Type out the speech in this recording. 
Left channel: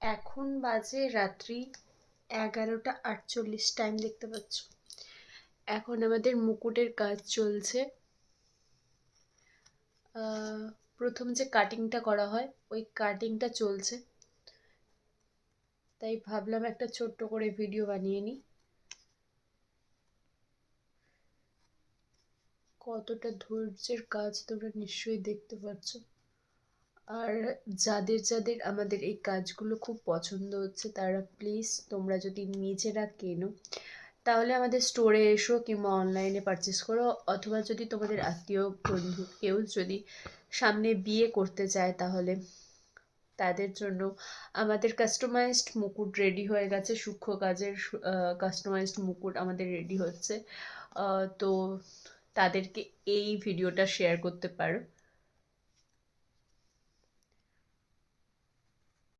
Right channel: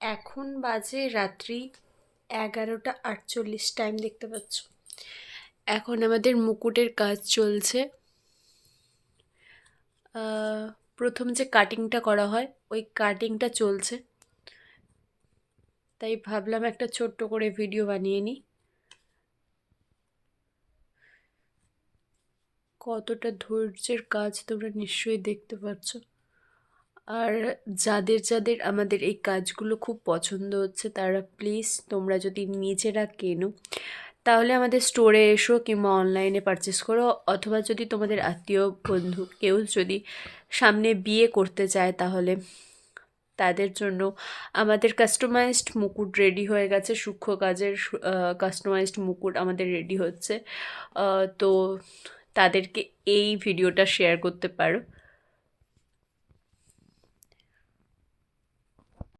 এখন বাজে রাত্রি 11টা 48, টাইম দেখতে পাচ্ছ। এখন আমাদের মুকুটের কাজ চলছে। প্রথম যে কাটিংটা করা হয় ওই কাটিংটা চলছে, তাই ভাবলাম একটা ছোট্ট করে ভিডিও বানিয়ে নিই। কতটা ধৈর্যের কাজ তোমরা নিশ্চয়ই দেখতে পাচ্ছ। আর যাদের যাদের আমাদের এই কাজগুলো খুব পছন্দ হচ্ছে তারা প্লিজ তোমরা যদি নিজেরা কেনো তাহলে আমাদের স্টোরে এসো কিংবা অনলাইনে পারচেস করো, অথবা যদি তোমাদের আত্মীয় বন্ধু কেউ যদি সামনে বিয়ে করতে চায় তাহলে তাদের জন্য আমাদের কাস্টমাইজড মুকুট রেডি হয়ে গেছে। সূক্ষ্ম কাজের কাস্টমাইজড মুকুট আমাদের রেডি হচ্ছে। তো তাদেরকে এই ভিডিওটা শেয়ার করতে পারো।